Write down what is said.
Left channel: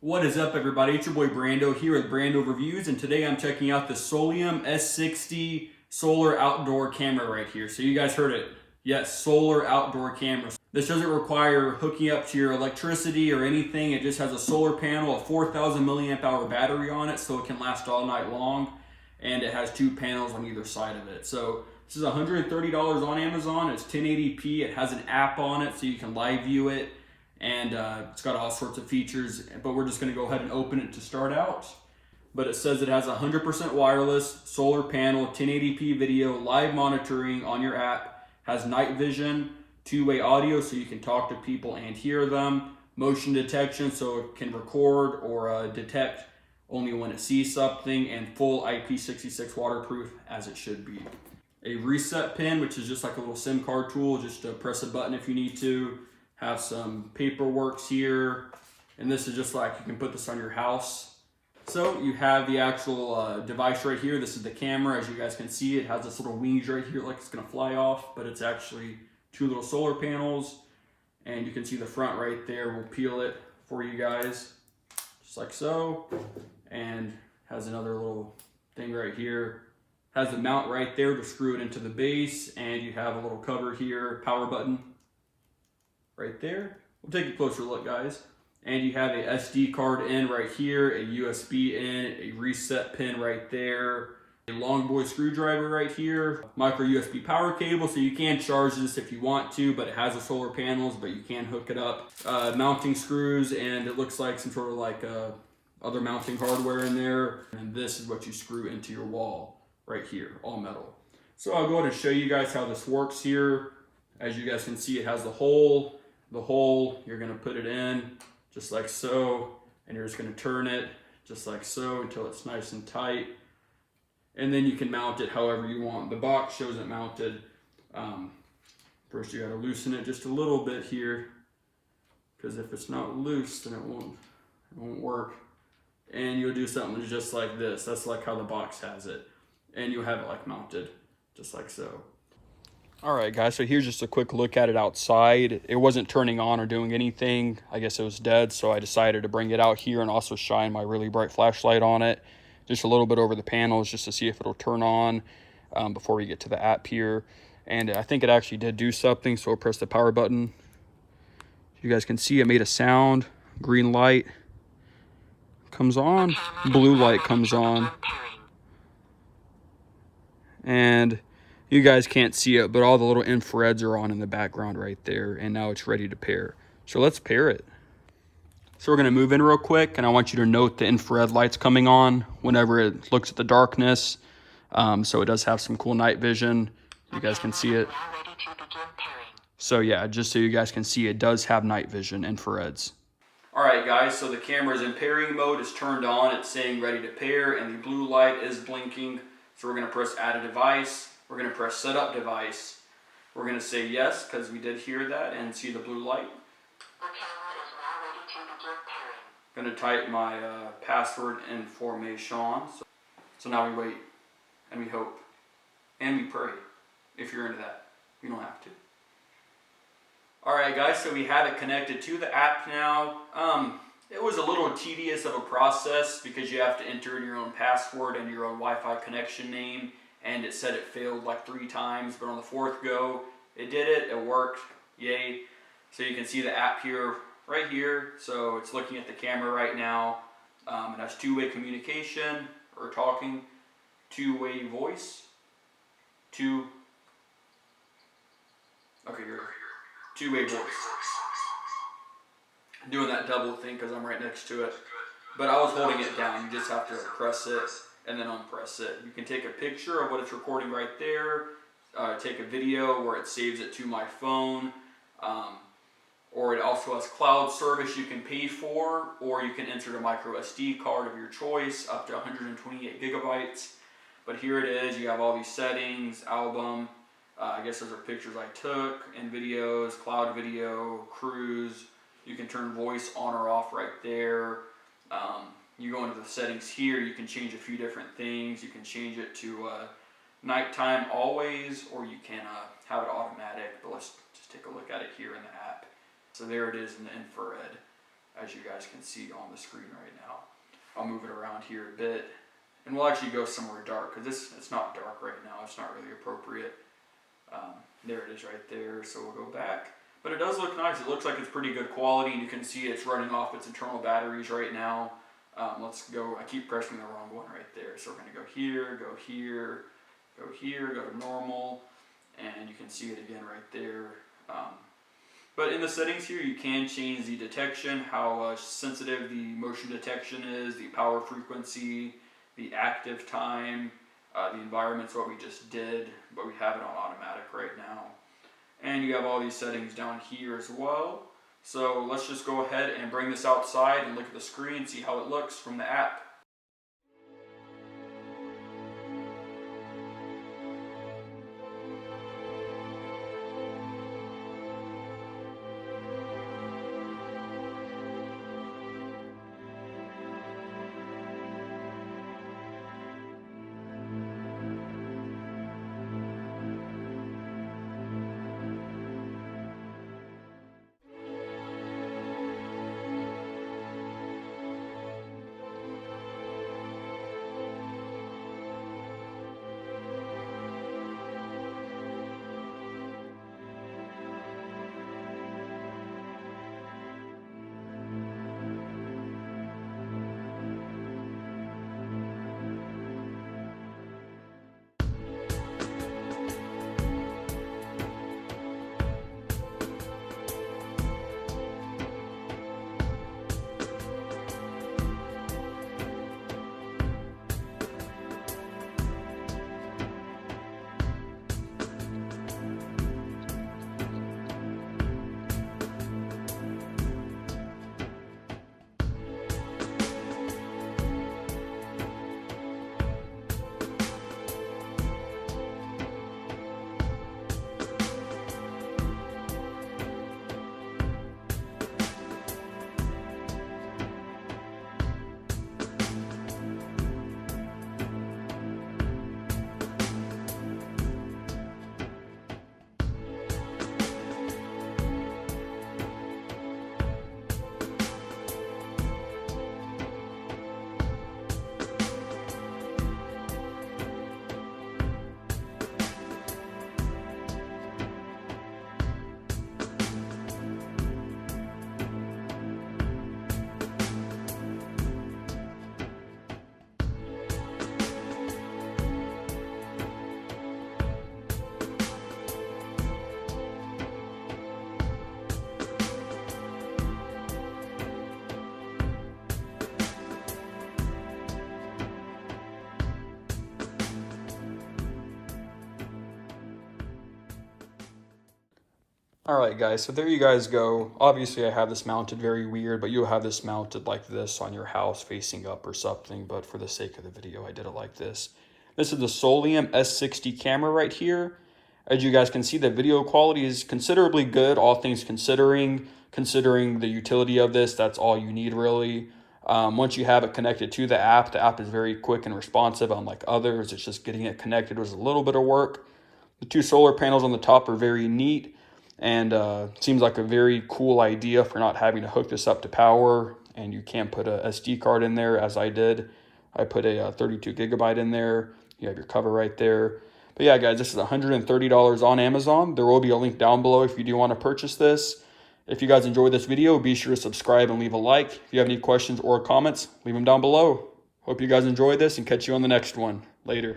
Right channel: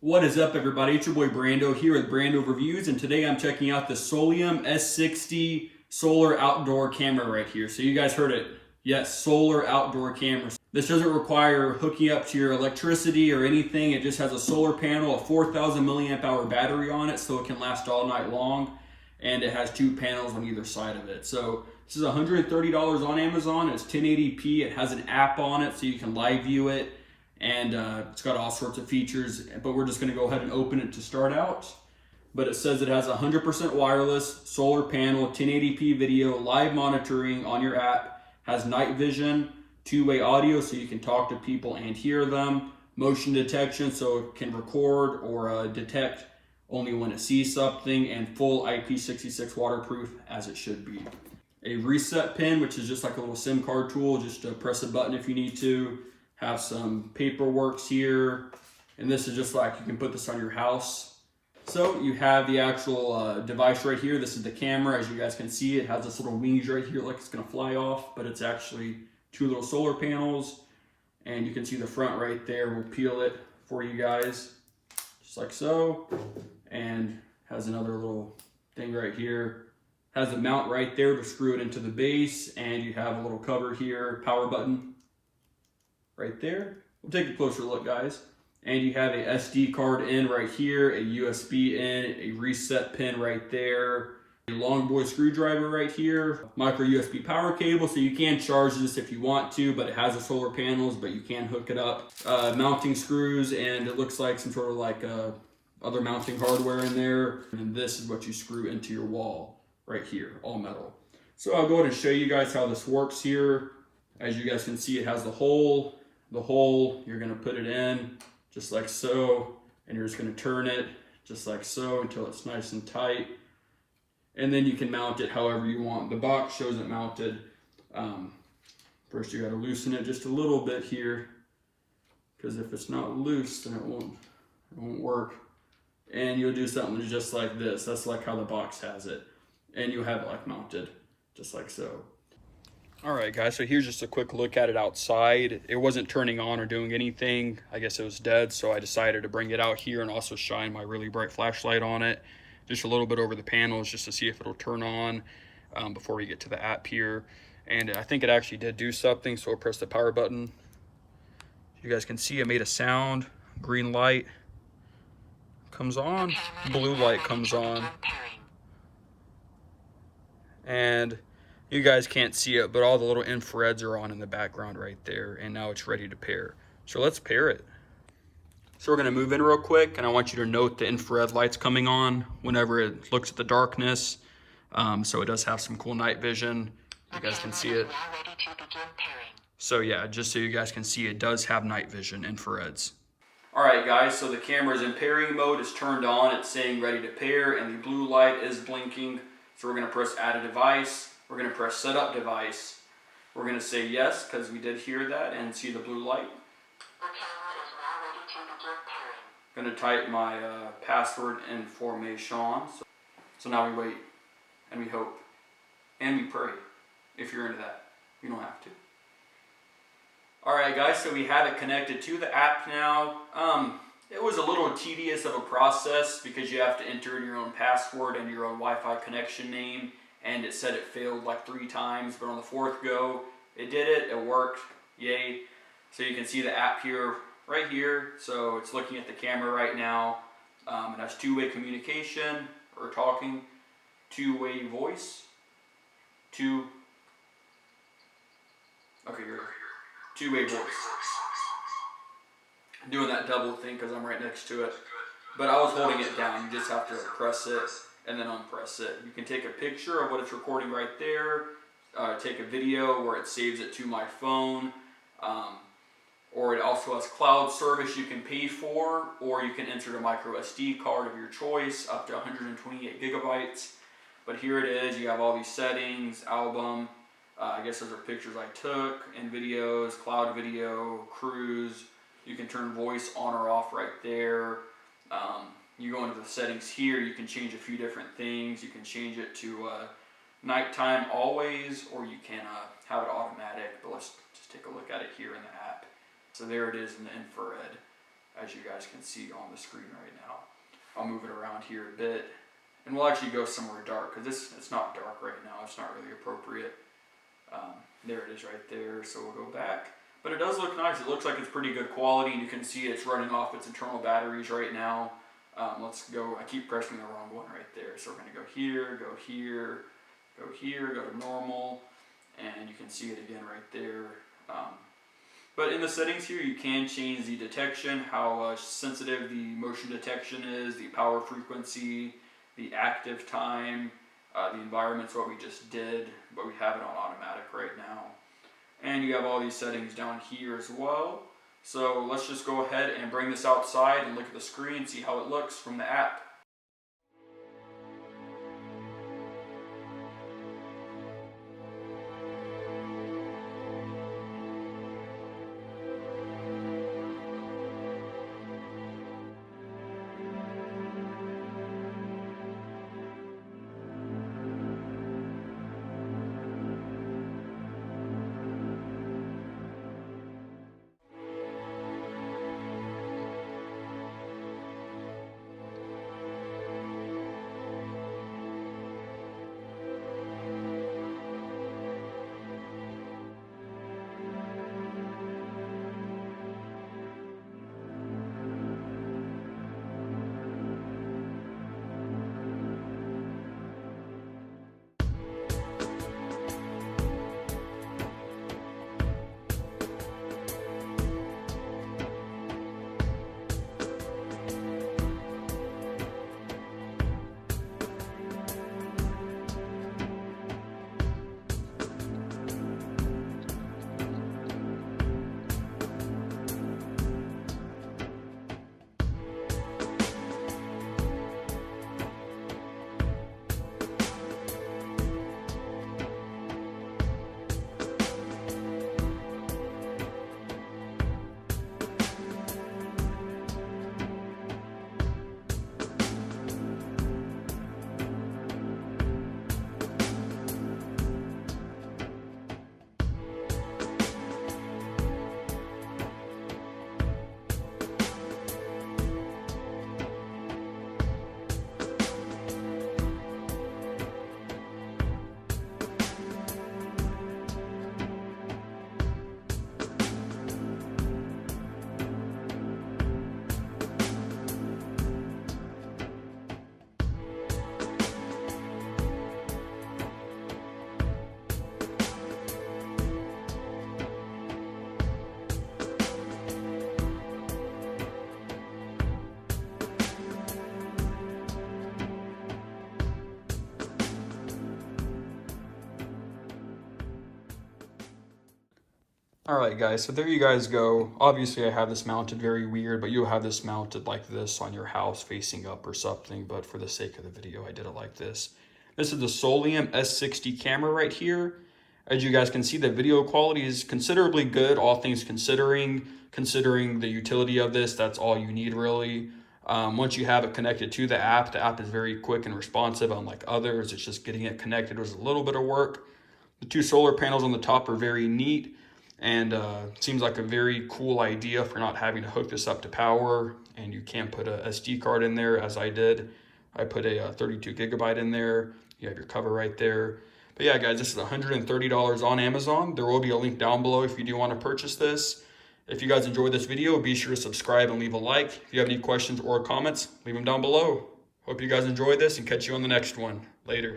What is up, everybody? It's your boy Brando here with Brando Reviews, and today I'm checking out the Soliom S60 solar outdoor camera right here. So you guys heard it. Yes, solar outdoor camera. This doesn't require hooking up to your electricity or anything. It just has a solar panel, a 4,000 milliamp hour battery on it, so it can last all night long. And it has two panels on either side of it. So this is $130 on Amazon. It's 1080p. It has an app on it, so you can live view it. And it's got all sorts of features, but we're just going to go ahead and open it to start out. But it says it has 100% wireless, solar panel, 1080p video, live monitoring on your app, has night vision, two-way audio so you can talk to people and hear them, motion detection so it can record or detect only when it sees something, and full IP66 waterproof as it should be. A reset pin, which is just like a little SIM card tool, just to press a button if you need to. Have some paperwork here, and this is just like you can put this on your house. So you have the actual device right here. This is the camera. As you guys can see, it has this little wings right here like it's gonna fly off, but it's actually two little solar panels, and you can see the front right there. We'll peel it for you guys just like so, and has another little thing right here. Has the mount right there to screw it into the base, and you have a little cover here, power button right there. We'll take a closer look, guys. And you have a SD card in right here, a USB in, a reset pin right there, a long boy screwdriver right here, micro USB power cable, so you can charge this if you want to, but it has the solar panels, but you can hook it up. Mounting screws, and it looks like some sort of like other mounting hardware in there. And this is what you screw into your wall right here, all metal. So I'll go ahead and show you guys how this works here. As you guys can see, it has the hole. You're gonna put it in just like so, and you're just gonna turn it just like so until it's nice and tight. And then you can mount it however you want. The box shows it mounted. First you gotta loosen it just a little bit here, because if it's not loose, then it won't work. And you'll do something just like this. That's like how the box has it. And you'll have it like mounted, just like so. All right, guys, so here's just a quick look at it outside. It wasn't turning on or doing anything. I guess it was dead, so I decided to bring it out here and also shine my really bright flashlight on it, just a little bit over the panels, just to see if it'll turn on before we get to the app here. And I think it actually did do something, so I'll press the power button. You guys can see it made a sound. Green light comes on, blue light comes on. And you guys can't see it, but all the little infrareds are on in the background right there, and now it's ready to pair. So let's pair it. So we're gonna move in real quick, and I want you to note the infrared lights coming on whenever it looks at the darkness. So it does have some cool night vision. You guys can see it. So yeah, just so you guys can see, it does have night vision infrareds. All right, guys, so the camera is in pairing mode. It's turned on. It's saying ready to pair, and the blue light is blinking. So we're gonna press add a device. We're going to press set up device. We're going to say yes, because we did hear that and see the blue light. I'm going to type my password information. So now we wait, and we hope, and we pray, if you're into that. You don't have to. Alright, guys, so we have it connected to the app now. It was a little tedious of a process because you have to enter in your own password and your own Wi-Fi connection name. And it said it failed like 3 times, but on the 4th go, it did it, it worked, yay. So you can see the app here, right here. So it's looking at the camera right now. It has two-way communication, or talking, two-way voice, two-way voice. I'm doing that double thing because I'm right next to it. But I was holding it down, you just have to press it and then unpress it. You can take a picture of what it's recording right there, take a video where it saves it to my phone, or it also has cloud service you can pay for, or you can insert a micro SD card of your choice up to 128 gigabytes. But here it is, you have all these settings, album, I guess those are pictures I took, and videos, cloud video, cruise. You can turn voice on or off right there. You go into the settings here, you can change a few different things. You can change it to nighttime always, or you can have it automatic, but let's just take a look at it here in the app. So there it is in the infrared. as you guys can see on the screen right now. I'll move it around here a bit, and we'll actually go somewhere dark, because it's not dark right now. It's not really appropriate. There it is right there, so we'll go back. But it does look nice. It looks like it's pretty good quality, and you can see it's running off its internal batteries right now. Let's go, I keep pressing the wrong one right there. So we're gonna go here, go here, go here, go to normal, and you can see it again right there. But in the settings here, you can change the detection, how sensitive the motion detection is, the power frequency, the active time, the environment's what we just did, but we have it on automatic right now. And you have all these settings down here as well. So let's just go ahead and bring this outside and look at the screen, see how it looks from the app. Alright guys, so there you guys go. Obviously I have this mounted very weird, but you'll have this mounted like this on your house facing up or something, but for the sake of the video I did it like this. This is the Soliom S60 camera right here. As you guys can see, the video quality is considerably good, all things considering the utility of this. That's all you need really. Once you have it connected to the app is very quick and responsive, unlike others. It's just getting it connected was a little bit of work. The two solar panels on the top are very neat, and seems like a very cool idea for not having to hook this up to power. And you can put a SD card in there, as I did. I put a 32 gigabyte in there. You have your cover right there. But yeah guys, this is $130 on Amazon. There will be a link down below if you do want to purchase this. If you guys enjoyed this video, be sure to subscribe and leave a like. If you have any questions or comments, leave them down below. Hope you guys enjoyed this, and catch you on the next one. Later.